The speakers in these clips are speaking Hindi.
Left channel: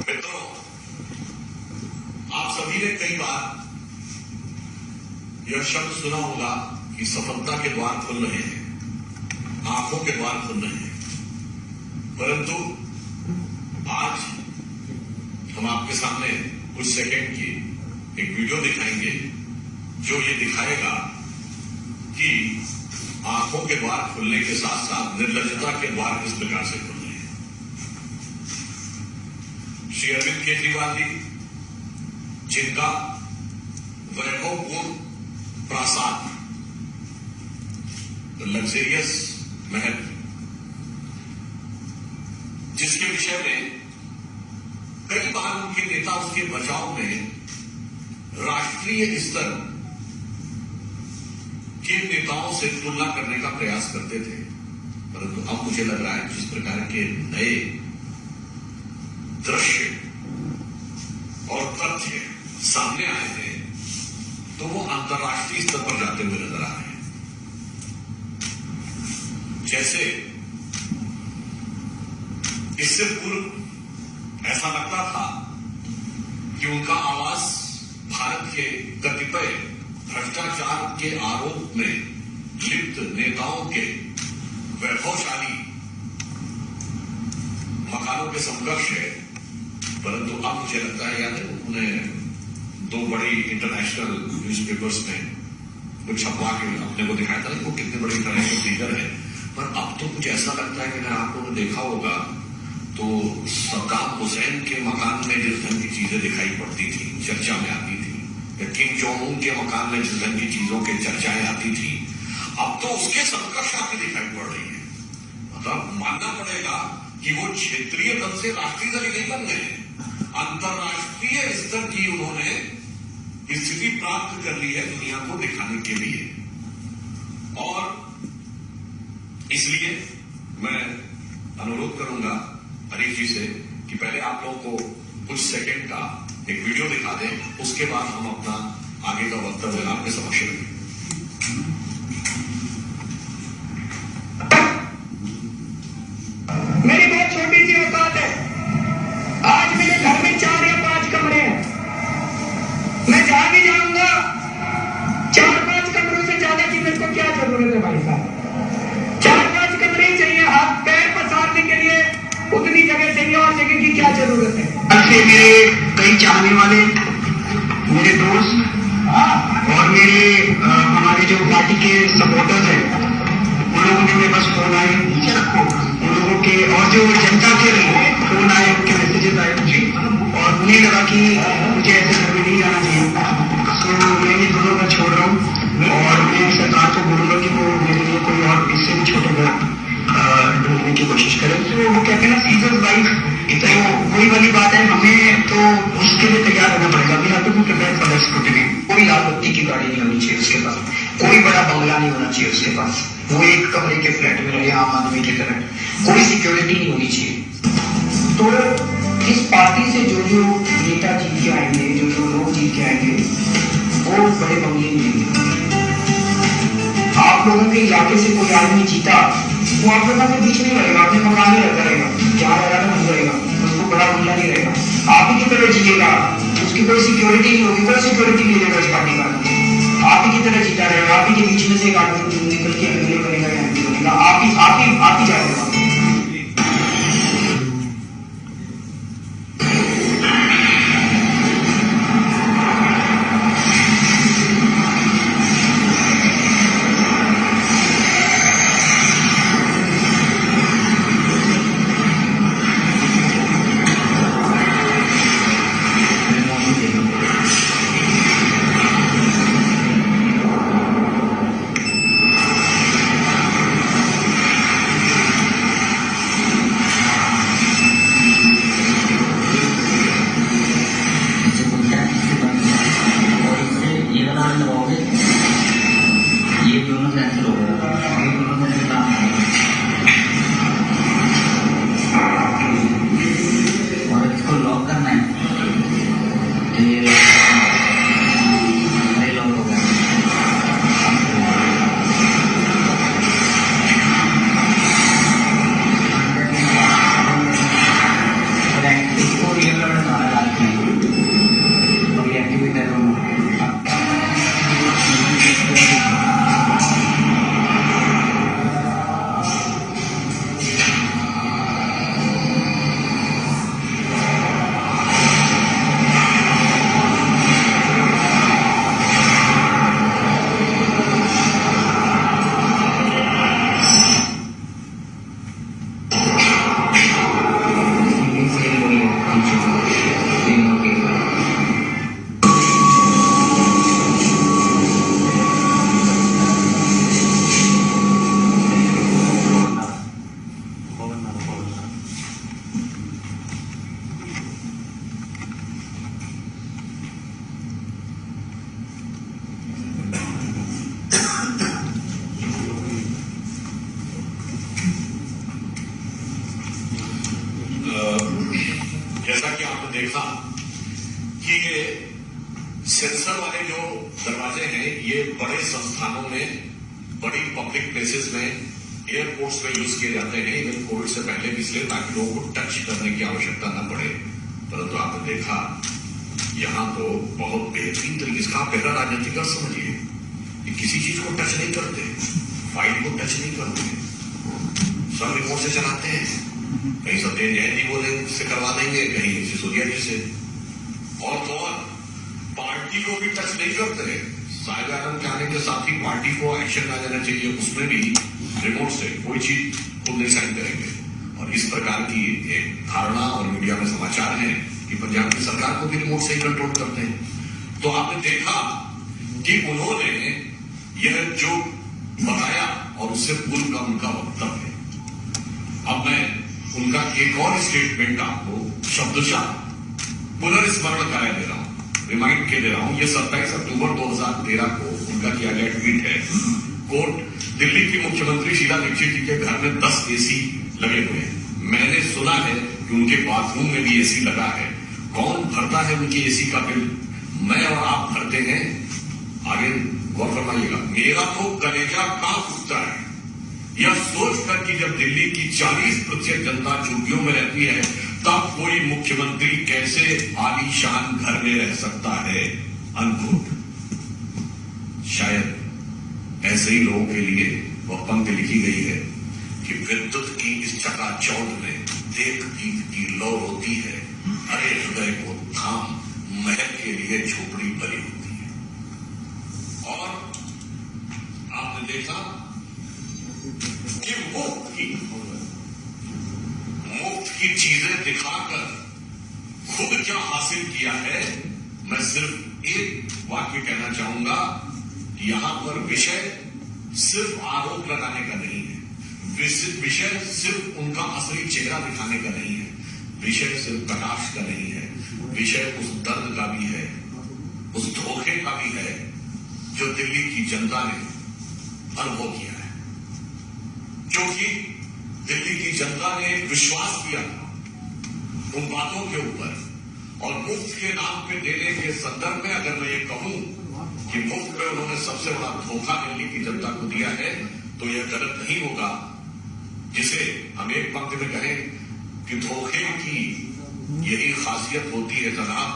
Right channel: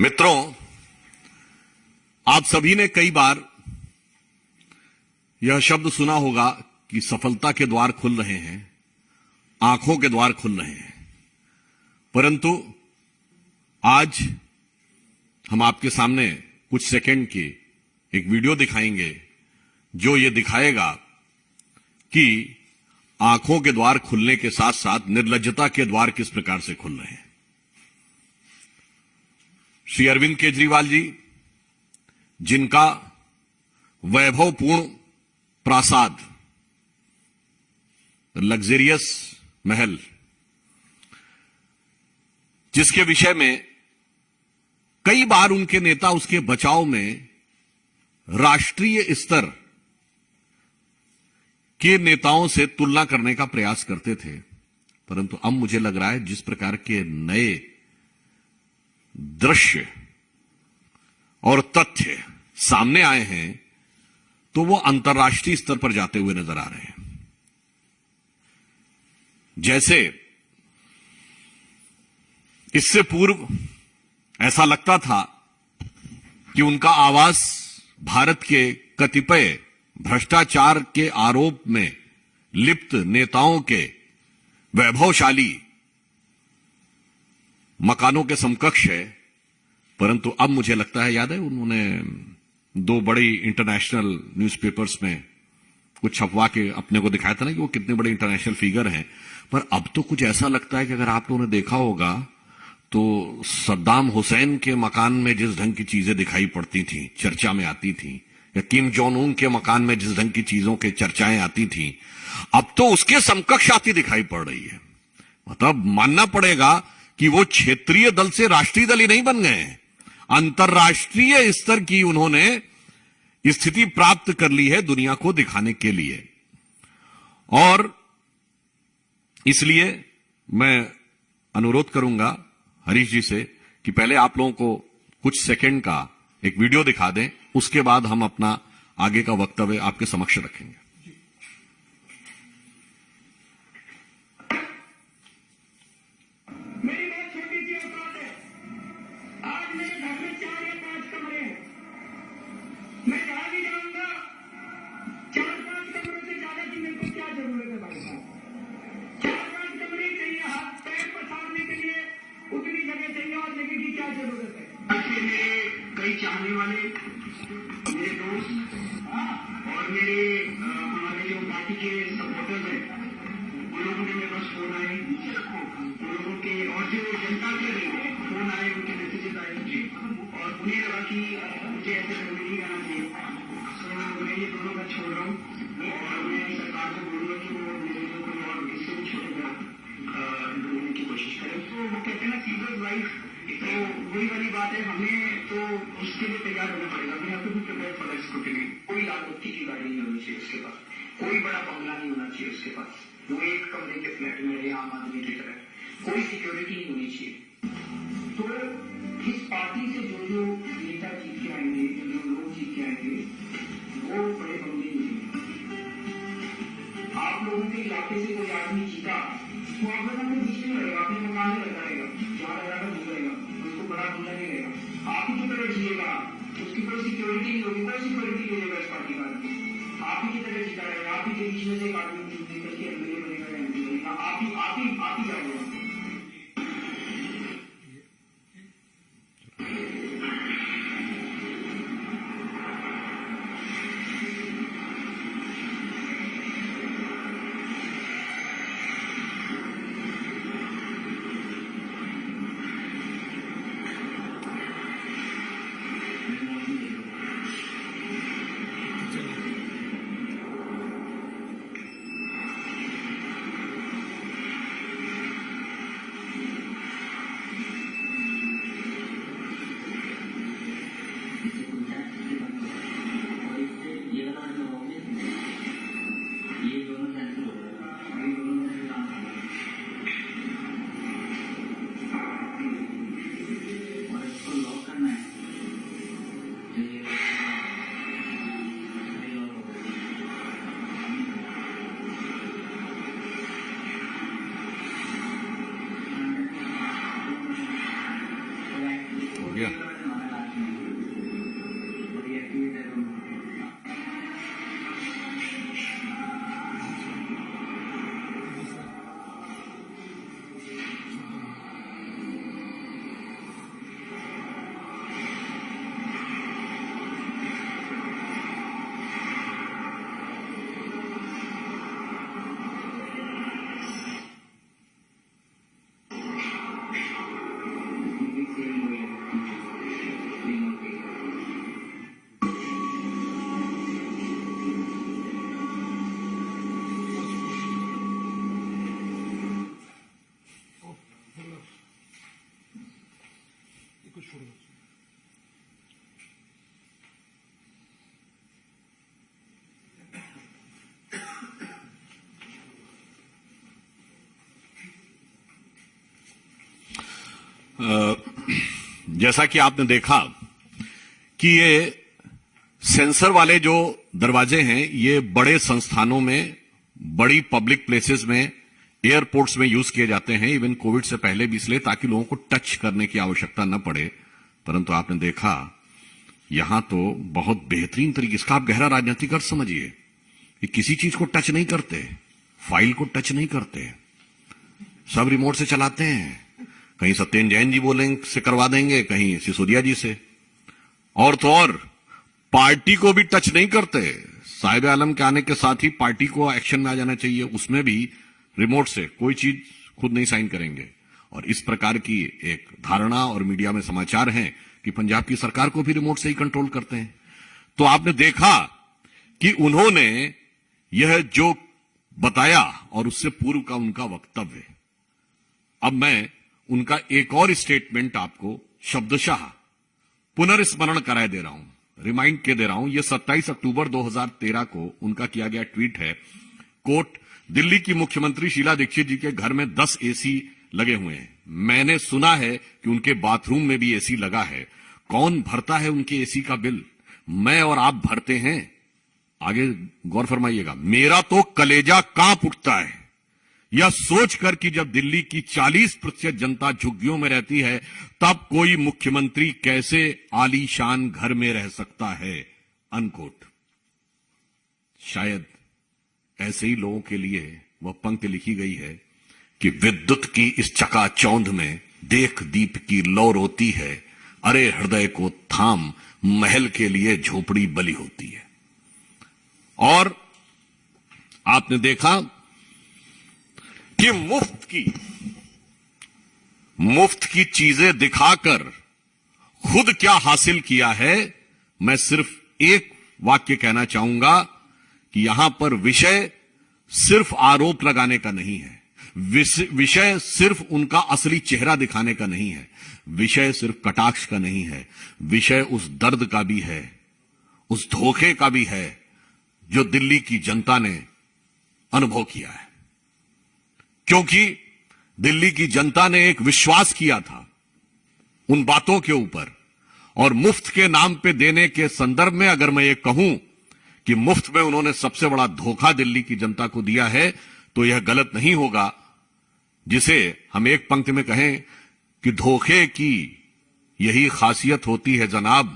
मित्रों, आप सभी ने कई बार यह शब्द सुना होगा कि सफलता के द्वार खुल रहे हैं, आंखों के द्वार खुल रहे हैं। परंतु आज हम आपके सामने कुछ सेकंड की एक वीडियो दिखाएंगे जो ये दिखाएगा कि आंखों के द्वार खुलने के साथ साथ निर्लज्जता के द्वार किस प्रकार से खुल रहे हैं। श्री अरविंद केजरीवाल जी, जिनका वैभवपूर्ण प्रासाद, लग्जरियस महल, जिसके विषय में कई बार उनके नेता उसके बचाव में राष्ट्रीय स्तर के नेताओं से तुलना करने का प्रयास करते थे, परंतु अब मुझे लग रहा है जिस प्रकार के नए दृश्य और तथ्य सामने आए हैं तो वो अंतर्राष्ट्रीय स्तर पर जाते हुए नजर आ रहे हैं। जैसे इससे पूर्व ऐसा लगता था कि उनका आवाज भारत के कतिपय भ्रष्टाचार के आरोप में लिप्त नेताओं के वैभवशाली मकानों के समकक्ष है, परंतु अब मुझे लगता है, याद है उन्होंने दो बड़ी इंटरनेशनल न्यूज़पेपर्स में कुछ छपवा के अपने को दिखाया था ना कि वो कितने बड़े इंटरनेशनल फिगर हैं। पर अब तो कुछ ऐसा लगता है कि अगर आप लोगों ने देखा होगा तो सद्दाम हुसैन के मकान में जिस ढंग की चीजें दिखाई पड़ती थी, चर्चा में आती थी, या किम जोंग उन के मकान में जिस ढंग की चीजों की चर्चाएं आती थी, अब तो उसके समकक्ष आती दिखाई पड़ रही है। मतलब मानना पड़ेगा कि वो क्षेत्रीय दल से राष्ट्रीय दल ही नहीं बन गए, अंतर्राष्ट्रीय स्तर की उन्होंने स्थिति प्राप्त कर ली है दुनिया को दिखाने के लिए। और इसलिए मैं अनुरोध करूंगा हरीश जी से कि पहले आप लोगों को कुछ सेकंड का एक वीडियो दिखा दें, उसके बाद हम अपना आगे का वक्तव्य आपके समक्ष रखें। मेरी बहुत छोटी सी औकात है। आज मेरे घर में 4 या 5 कमरे हैं। मैं जहां भी जाऊंगा 4-5 कमरों से ज्यादा की मेरे को क्या जरूरत है भाई साहब? 4-5 कमरे ही चाहिए, हाथ पैर पसारने के लिए उतनी जगह चाहिए, और जगह की क्या जरूरत है? ऐसे मेरे कई चाहने वाले, मेरे दोस्त और मेरे हमारे जो पार्टी के सपोर्टर्स हैं, उन लोगों ने मेरे पास फोन आए, उन लोगों के और जो जनता के फोन आए, उनके मैसेजेस आए मुझे, और उन्हें लगा कि मुझे ऐसे घर में नहीं जाना चाहिए। तो मैं ये दोनों घर छोड़ रहा हूँ और मैं सरकार को बोलूंगा कि वो मेरे लिए कोई और इससे भी छोटे घर ढूंढने की कोशिश करें। तो वो कहते हैं ना, सीजर्स वाइफ, तो वही वाली बात है, हमें तो उसके लिए तैयार रहना पड़ेगा। अभी यहाँ तो प्रिपेयर फॉर दैट स्क्रूटिनी। कोई लाल बत्ती की गाड़ी नहीं होनी चाहिए उसके पास, कोई बड़ा बंगला नहीं होना चाहिए उसके पास, वो एक कमरे के फ्लैट में रहे आम आदमी की तरह, कोई सिक्योरिटी नहीं होनी चाहिए। तो इस पार्टी से जो जो नेता जीत के आएंगे, जो जो लोग जीत के आएंगे, वो बड़े बंगले मिलेंगे। आप लोगों के इलाके से कोई आदमी जीता, वो आप लोगों के बीच नहीं रहेगा, अपने मकान में रहता रहेगा, जहाँ रह रहा था वहीं रहेगा, उसको बड़ा बंगला नहीं रहेगा। आप ही की तरह जिएगा, उसकी कोई सिक्योरिटी नहीं होगी, कोई सिक्योरिटी नहीं देगा इस पार्टी का। आप ही की तरह जीता रहेगा, आप ही के बीच में से एक आदमी निकल के एमएलए बनेगा या एमपी बनेगा, आप ही जाएगा। जैसा कि आपने देखा कि ये सेंसर वाले जो दरवाजे हैं ये बड़े संस्थानों में, बड़ी पब्लिक प्लेसेस में, एयरपोर्ट्स में यूज किए जाते हैं, इवन कोविड से पहले भी, इसलिए ताकि लोगों को टच करने की आवश्यकता न पड़े। परंतु आपने देखा यहां तो बहुत बेहतरीन तरीके, इसका आप गहरा राजनीतिक अर्थ समझिए कि किसी चीज को टच नहीं करते, फाइल को टच नहीं करते, सब रिमोट से चलाते हैं। कहीं सत्येंद्र जैन जी बोले से करवा देंगे, कहीं सिसोदिया जी से, और तो और पार्टी को भी टच नहीं करते। साहिब आलम के आने के साथ ही पार्टी को एक्शन में आ जाना चाहिए, उसमें भी रिमोट से कोई चीज खुद नहीं साइन करेंगे। और इस प्रकार की एक धारणा और मीडिया में समाचार हैं कि पंजाब की सरकार को भी रिमोट से ही कंट्रोल करते हैं। तो आपने देखा कि उन्होंने यह जो बताया और उससे पूर्व का उनका वक्तव्य है। अब मैं उनका एक और स्टेटमेंट आपको शब्दशः पुनर्स्मरण कराए दे रहा हूं, रिमाइंड के दे रहा हूं। यह 27 अक्टूबर 2013 को उनका किया गया ट्वीट है। कोट, दिल्ली की मुख्यमंत्री शीला दीक्षित जी के घर में 10 एसी लगे हुए हैं। मैंने सुना है कि उनके बाथरूम में भी एसी लगा है। कौन भरता है उनकी एसी का बिल? मैं और आप भरते हैं? आगे गौर फरमाइएगा। मेरा तो कलेजा कांप उठता है यह सोचकर कि जब दिल्ली की 40% जनता झुग्गियों में रहती है तब कोई मुख्यमंत्री कैसे आलीशान घर में रह सकता है। अनकोट। शायद ऐसे ही लोगों के लिए वह पंक्ति लिखी गई है कि विद्युत की इस चकाचौंध में देख दीप की लौ रोती है, अरे हृदय को थाम महल के लिए झोपड़ी बली होती है। और आपने देखा कि मुफ्त की चीजें दिखाकर खुद क्या हासिल किया है। मैं सिर्फ एक वाक्य कहना चाहूंगा कि यहां पर विषय सिर्फ आरोप लगाने का नहीं है, विषय सिर्फ उनका असली चेहरा दिखाने का नहीं है, विषय सिर्फ कटाक्ष का नहीं है, विषय उस दर्द का भी है, उस धोखे का भी है जो दिल्ली की जनता ने अनुभव किया है। क्योंकि दिल्ली की जनता ने एक विश्वास किया था उन बातों के ऊपर, और मुफ्त के नाम पे देने के संदर्भ में अगर मैं ये कहूं कि मुफ्त में उन्होंने सबसे बड़ा धोखा दिल्ली की जनता को दिया है तो यह गलत नहीं होगा, जिसे हम एक पंक्ति में कहें कि धोखे की यही खासियत होती है जनाब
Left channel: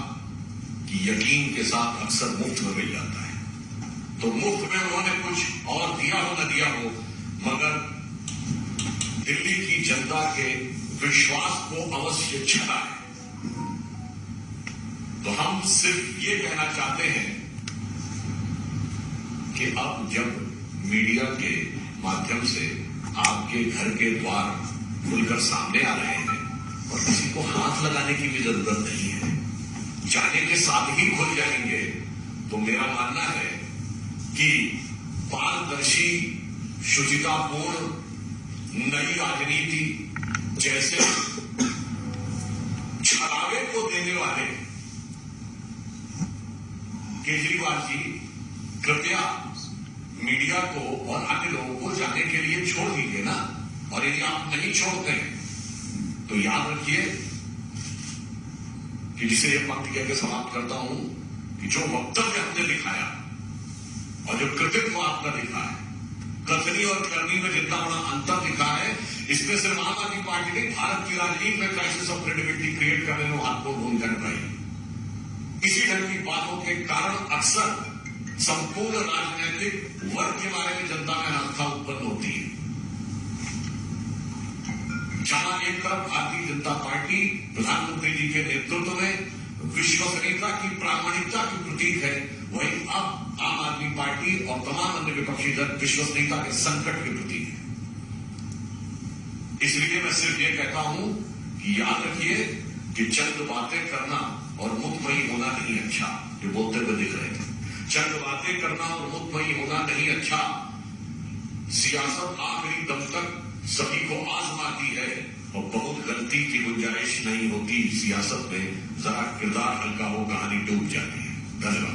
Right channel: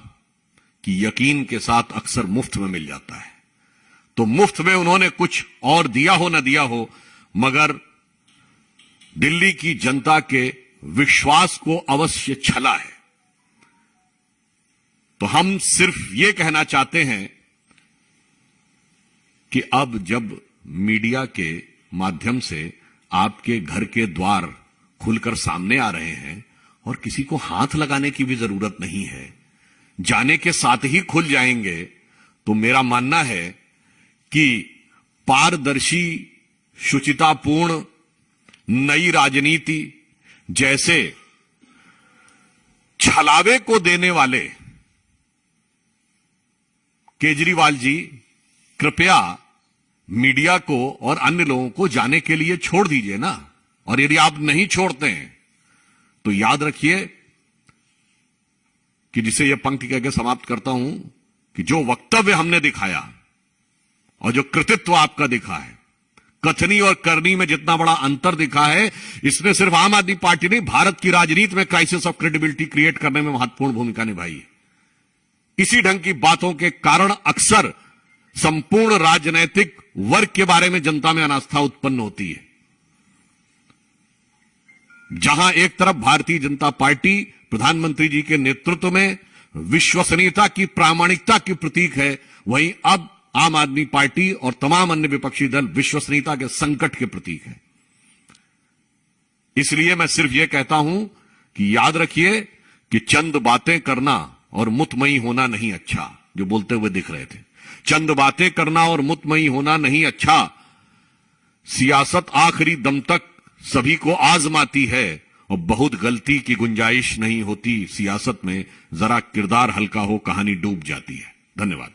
कि यकीन के साथ अक्सर मुफ्त में मिल जाता है। तो मुफ्त में उन्होंने कुछ और दिया हो न दिया हो, मगर दिल्ली की जनता के विश्वास को अवश्य छला है। तो हम सिर्फ ये कहना चाहते हैं कि अब जब मीडिया के माध्यम से आपके घर के द्वार खुलकर सामने आ रहे हैं और किसी को हाथ लगाने की भी जरूरत नहीं है, जाने के साथ ही खुल जाएंगे, तो मेरा मानना है कि पारदर्शी, शुचितापूर्ण नई राजनीति जैसे छलावे को देने वाले केजरीवाल जी कृपया मीडिया को और अन्य लोगों को जाने के लिए छोड़ दीजिए ना। और यदि आप नहीं छोड़ते हैं तो याद रखिए कि जिसे यह पंक्ति कहकर समाप्त करता हूं कि जो वक्तव्य हमने दिखाया और जो कृतित्व आपका दिखा है, कथनी और करनी में जितना बड़ा अंतर दिखा है, इसने सिर्फ आम आदमी पार्टी ने भारत की राजनीति में क्राइसिस ऑफ क्रेडिबिलिटी क्रिएट करने में महत्वपूर्ण भूमिका निभाई है। इसी ढंग की बातों के कारण अक्सर संपूर्ण राजनीतिक वर्ग के बारे में जनता में अनास्था उत्पन्न होती है। जहां एक तरफ भारतीय जनता पार्टी प्रधानमंत्री जी के नेतृत्व में विश्वसनीयता की, प्रामाणिकता की प्रतीक है, वहीं अब आम आदमी पार्टी और तमाम अन्य विपक्षी दल विश्वसनीयता के संकट के प्रतीक है। इसलिए मैं सिर्फ यह कहता हूं कि याद रखिए कि चंद बातें करना और मुतमई होना नहीं अच्छा, जो बोलते हुए दिख रहे थे, चंद बातें करना और मुतमई होना नहीं अच्छा। सियासत आखिरी दम तक सभी को आजमाती है और बहुत गलती की गुंजाइश नहीं होती सियासत में, जरा किरदार हल्का हो कहानी डूब जाती है। धन्यवाद।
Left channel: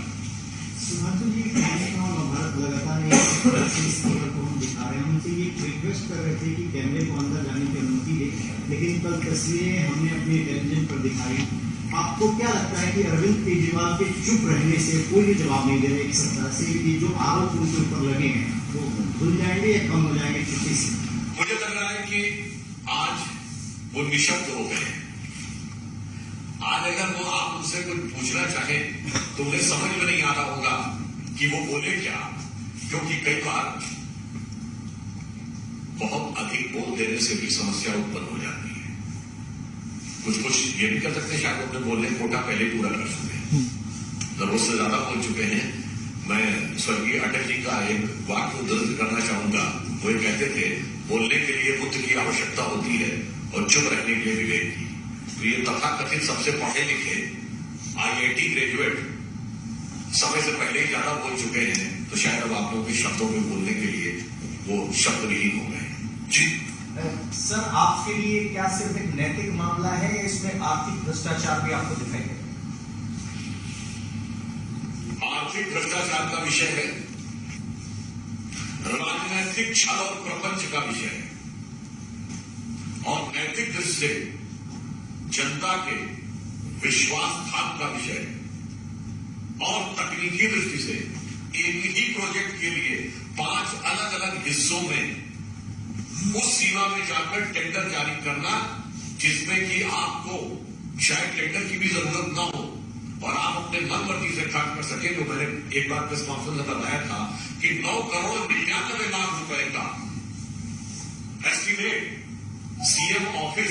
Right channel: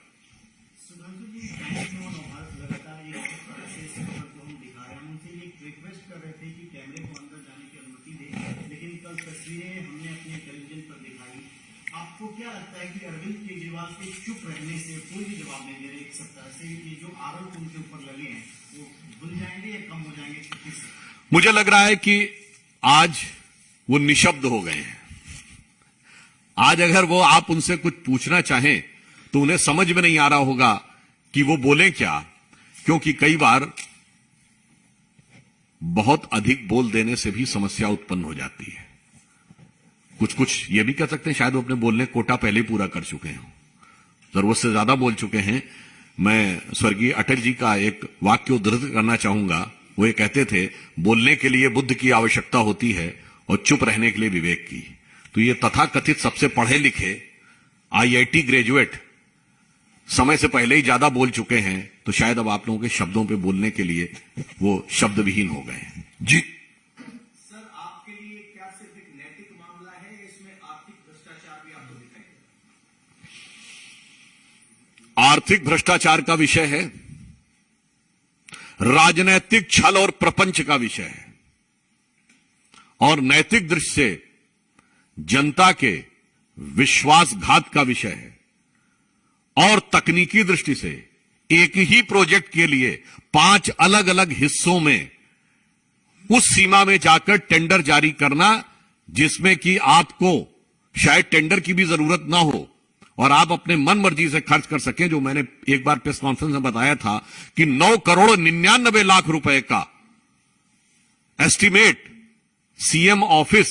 रिक्वेस्ट कर रहे थे कि कैमरे को अंदर जाने की अनुमति दे, लेकिन कल तस्वीरें हमने अपने टेलीविजन पर दिखाई। आपको क्या लगता है कि अरविंद केजरीवाल के चुप रहने से, कोई भी जवाब नहीं दे रहे एक सप्ताह से, कि जो आरोप उनके ऊपर लगे हैं वो धुल जाएंगे या कम हो जाएंगे चुप्पी से? मुझे लग रहा है कि आज वो निशब्द हो गए हैं। आज अगर वो आप उनसे कुछ पूछना चाहें तो उन्हें समझ में नहीं आ रहा होगा कि वो बोले क्या, क्योंकि कई बार बहुत अधिक बोल देने से भी समस्या उत्पन्न हो जाती है। कुछ ये भी कर सकते हैं, शायद वो अपने बोलने कोटा पहले पूरा कर चुके हैं, जरूरत से ज्यादा बोल चुके हैं। मैं स्वर्गीय अटल जी का एक वाक्य उद्धृत करना चाहूंगा। वो ये कहते थे, बोलने के लिए बुद्ध की आवश्यकता होती है और चुप रहने के लिए विवेक की। तो ये तथाकथित सबसे पढ़े लिखे IIT ग्रेजुएट समय से पहले ही ज्यादा बोल चुके हैं, तो शायद अब आप लोगों के शब्दों पे बोलने के लिए वो शब्द विहीन हो गए। जी सर, आपके लिए क्या सिर्फ एक नैतिक मामला है या इसमें आर्थिक भ्रष्टाचार भी आपको दिखाई दे? आर्थिक भ्रष्टाचार का विषय है, राजनैतिक छल और प्रपंच का विषय है, और नैतिक दृष्टि से जनता के विश्वासघात का विषय है, और तकनीकी दृष्टि से एक ही प्रोजेक्ट के लिए 5 अलग अलग हिस्सों में उस सीमा में जाकर टेंडर जारी करना जिसमें कि आपको शायद टेंडर की भी जरूरत ना हो और आप अपने मन मर्जी से खर्च कर सके। जो मैंने एक बार प्रेस कॉन्फ्रेंस में बताया था कि 9,99,00,000 रुपए का एस्टीमेट CM ऑफिस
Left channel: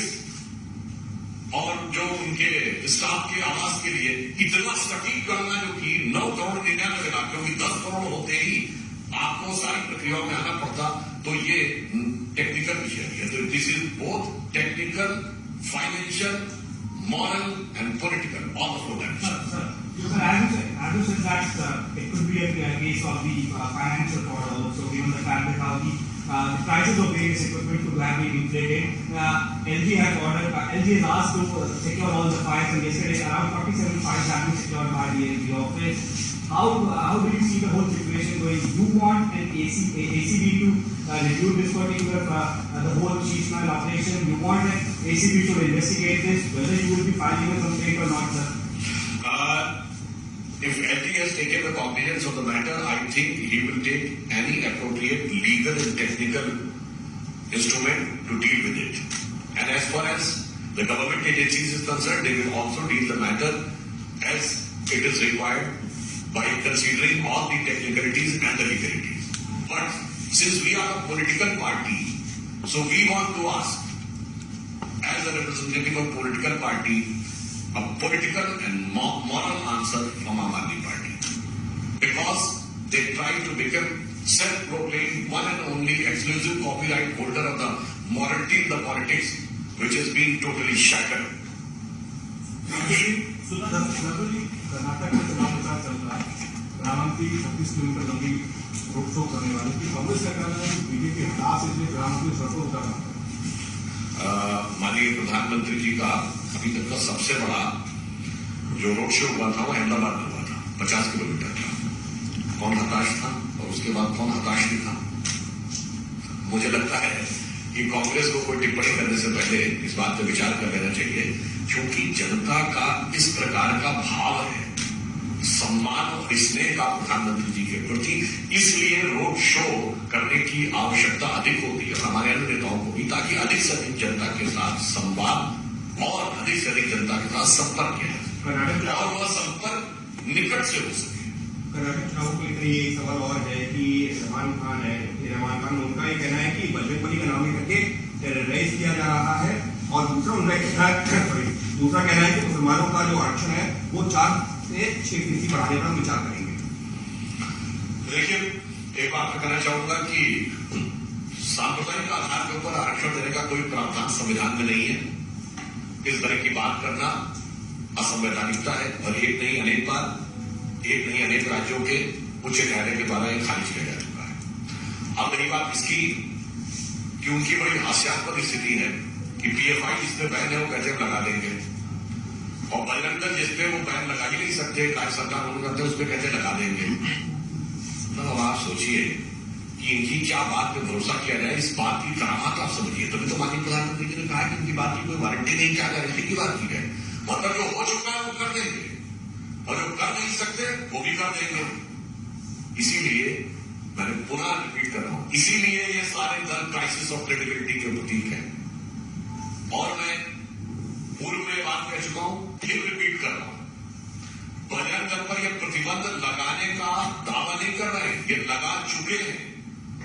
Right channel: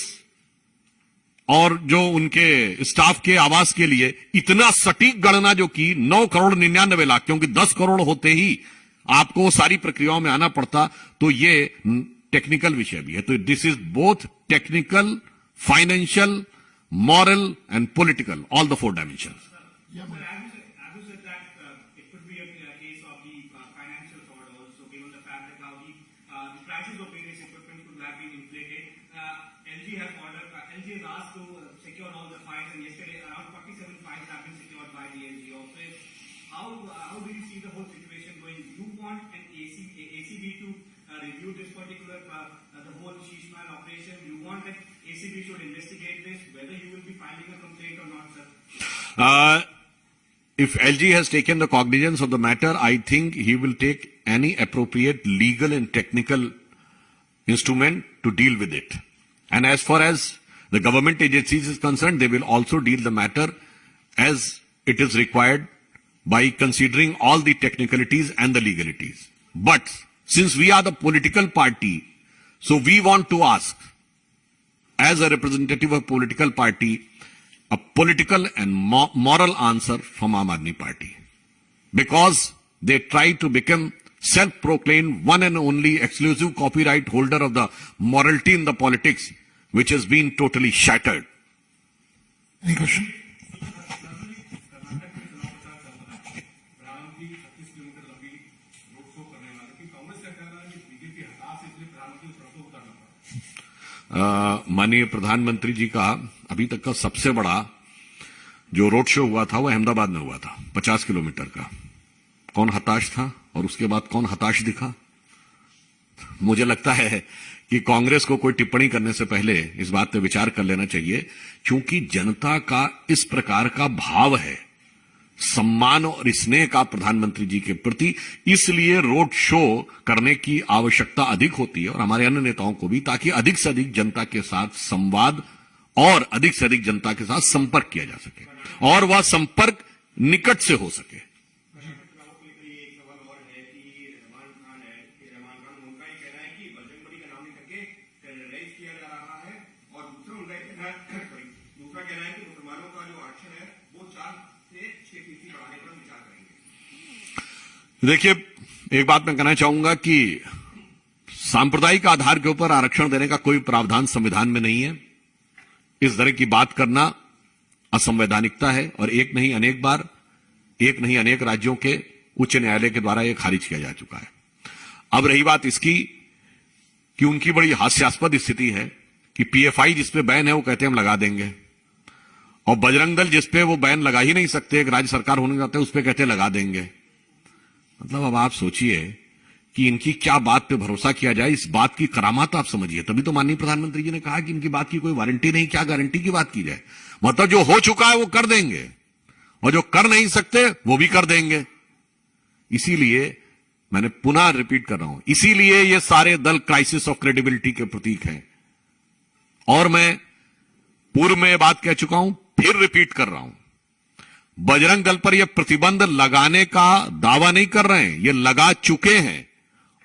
और जो उनके स्टाफ के आवास के लिए इतना सटीक गणना जो की 9,99,00,000, क्योंकि 10 करोड़ होते ही आपको सारी प्रक्रियाओं में आना पड़ता। तो ये टेक्निकल विषय है। तो this is both technical, financial, moral and political, all the 4 dimensions. As you said that it could be a case of the financial fraud also, given the fact that how the prices of various equipment could have been inflated. LG has asked to secure all the files, and yesterday around 47 files have been secured by the LG office. How do you see the whole situation going? You want an ACB to review this particular the whole cheese smell operation? You want an ACB to investigate this? Whether you will be filing a complaint or not, sir? If LG has taken the cognizance of the matter, I think he will take any appropriate legal and technical instrument to deal with it. And as far as the government agencies is concerned, they will also deal the matter as it is required by considering all the technicalities and the legalities. But since we are the political party, so we want to ask, as a representative of political party, a political and moral answer from Aam Aadmi Party, because they try to become self-proclaimed one and only exclusive copyright holder of the morality in the politics, which has been totally shattered. Karnataka में चुनाव प्रचार चल रहा है, प्रधानमंत्री 36 किलोमीटर लंबी रोड शो करने वाले की कांग्रेस सरकार ने बीजेपी हताश इसलिए प्रधानमंत्री सड़कों उतारा। माननीय प्रधानमंत्री जी का अभी तक का सबसे बड़ा जो रोड शो हुआ था वो अहमदाबाद में हुआ था, 50 किलोमीटर का। कौन हताश था और उसके बाद कौन हताश दिखा? मुझे लगता है कि कांग्रेस को कोई टिप्पणी करने से पहले इस बात पर विचार कर लेना चाहिए, क्योंकि जनता का इस प्रकार का भाव है, सम्मान और स्नेह का प्रधानमंत्री जी के प्रति, इसलिए रोड शो करने की आवश्यकता अधिक होती है और हमारे अन्य नेताओं को भी, ताकि अधिक से अधिक जनता के साथ संवाद और अधिक से अधिक जनता के साथ संपर्क किया जा सके और वह संपर्क निकट से हो सके। कर्नाटक चुनाव को लेकर ये सवाल और है कि रहमान खान उनका ये कहना है कि बजरंग बली का नाम लेकर के टेरराइज किया जा रहा है, और दूसरा कहना है कि मुसलमानों का जो आरक्षण है वो 4 से 6% बढ़ाने का विचार करेंगे। देखिए, एक बात मैं कहना चाहूंगा कि सांप्रदायिक आधार के ऊपर आरक्षण देने का कोई प्रावधान संविधान में नहीं है। इस तरह की बात करना असंवैधानिकता है और एक नहीं अनेक राज्यों के उच्च न्यायालय के द्वारा यह खारिज किया जा चुका है। अब रही बात इसकी कि उनकी बड़ी हास्यास्पद स्थिति है कि PFI जिस पे बैन है वो कहते हैं हम लगा देंगे, और बजरंग दल जिस पे वो बैन लगा ही नहीं सकते, राज्य सरकार होने जाते हैं उस पे कहते हैं लगा देंगे। मतलब अब आप सोचिए कि इनकी क्या बात पे भरोसा किया जाए, इस बात की करामात आप समझिए। तभी तो माननीय प्रधानमंत्री जी ने कहा कि इनकी बात की कोई वारंटी नहीं, क्या गारंटी की बात की जाए। मतलब जो हो चुका है वो कर देंगे और जो कर नहीं सकते वो भी कर देंगे। इसीलिए मैंने पुनः रिपीट कर रहा हूं, इसीलिए ये सारे दल क्राइसिस ऑफ क्रेडिबिलिटी के प्रतीक हैं। और मैं पूर्व में ये बात कह चुका हूं, फिर रिपीट कर रहा हूं, बजरंग दल पर यह प्रतिबंध लगाने का दावा नहीं कर रहे हैं, ये लगा चुके हैं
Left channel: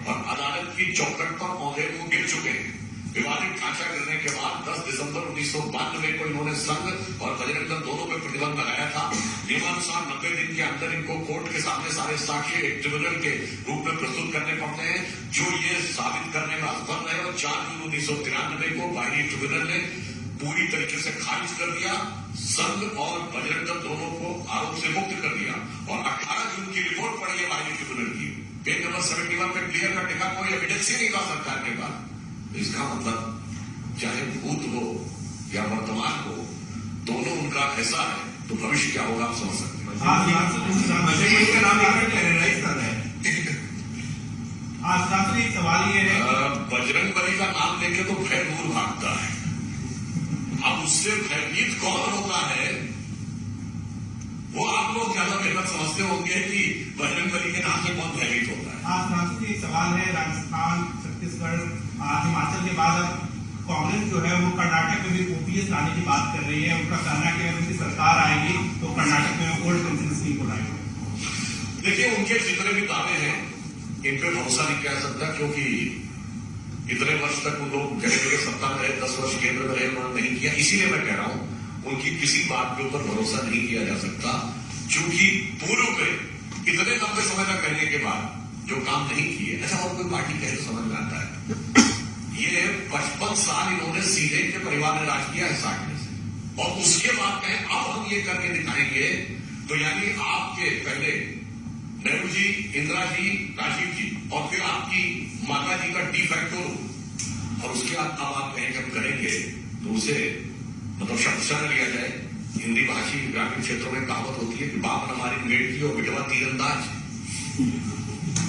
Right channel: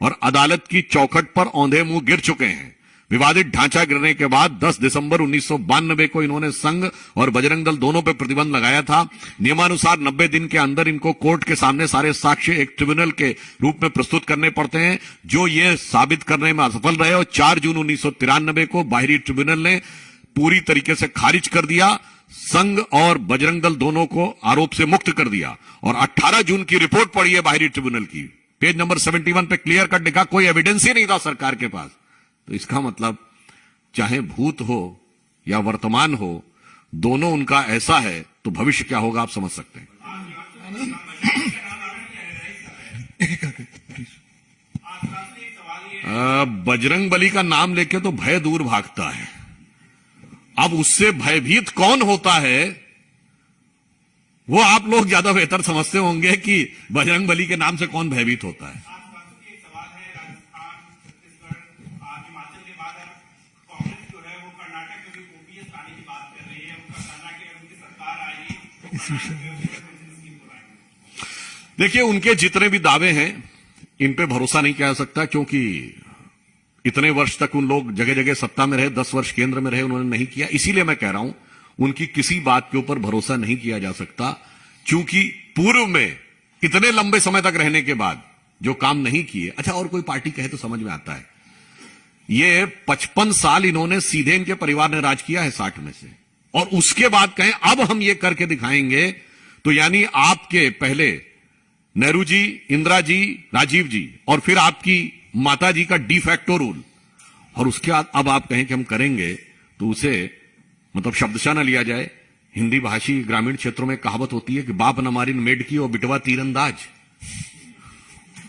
और अदालत की चौखट पर औंधे मुंह गिर चुके हैं। विवादित ढांचा गिरने के बाद 10 दिसंबर 1992 को इन्होंने संघ और बजरंग दल दोनों पर प्रतिबंध लगाया था। नियमानुसार 90 दिन के अंदर इनको कोर्ट के सामने सारे साक्ष्य एक ट्रिब्यूनल के रूप में प्रस्तुत करने पड़ते हैं, जो ये साबित करने में असफल रहे। और 4 जून 1993 को बाहरी ट्रिब्यूनल ने पूरी तरीके से खारिज कर दिया, संघ और बजरंग दल दोनों को आरोप से मुक्त कर दिया। और 18 जून की रिपोर्ट पढ़ी है बाहरी ट्रिब्यूनल की, पेज नंबर 71 पे क्लियर कट लिखा, कोई एविडेंस ही नहीं था सरकार के पास। तो इसका मतलब चाहे भूत हो या वर्तमान हो, दोनों उनका ऐसा है, तो भविष्य क्या होगा आप समझ सकते हैं। बजरंग बली का नाम लेके तो भय दूर भागता है। अब उससे भयभीत कौन होता है वो आप लोग ज्यादा बेहतर समझते होंगे कि बजरंग बली के नाम से कौन भयभीत होता है। एक सवाल है, राजस्थान, छत्तीसगढ़, हिमाचल के बाद अब कांग्रेस जो है वो कर्नाटक में भी ओपीएस लाने की बात कर रही है। उनका कहना है कि अगर उनकी सरकार आएगी तो कर्नाटक में गोल्ड पेंशन स्कीम को लाएगी। देखिए, उनके जितने भी दावे हैं इन पे भरोसा नहीं किया जा सकता, क्योंकि इतने वर्ष तक उन लोग जगह जगह सत्ता में रहे, 10 वर्ष केंद्र में रहे, उन्होंने नहीं किया। इसीलिए मैं कह रहा हूं उनकी किसी बात के ऊपर भरोसा नहीं किया जा सकता, क्योंकि पूर्व में इतने लंबे समय तक रहने के बाद जो काम नहीं किए। अच्छा, और कोई पार्टी कहे तो समझ में आता है, ये 55 साल इन्होंने सीधे इनके परिवार ने राज किया है 60 में से, और उसके बाद कहें अब हम ये करके दिखाएंगे, तो यानी आपके पहले नेहरू जी, इंदिरा जी, राजीव जी और फिर आपकी माता जी का डी फैक्टो रूल, और उसके बाद अब आप कहें कि हम करेंगे, तो उसे मतलब शब्दशः न लिया जाए। हिंदी भाषी ग्रामीण क्षेत्रों में कहावत होती है कि बाप न मारी मेड की और बिटवा तीरंदाज।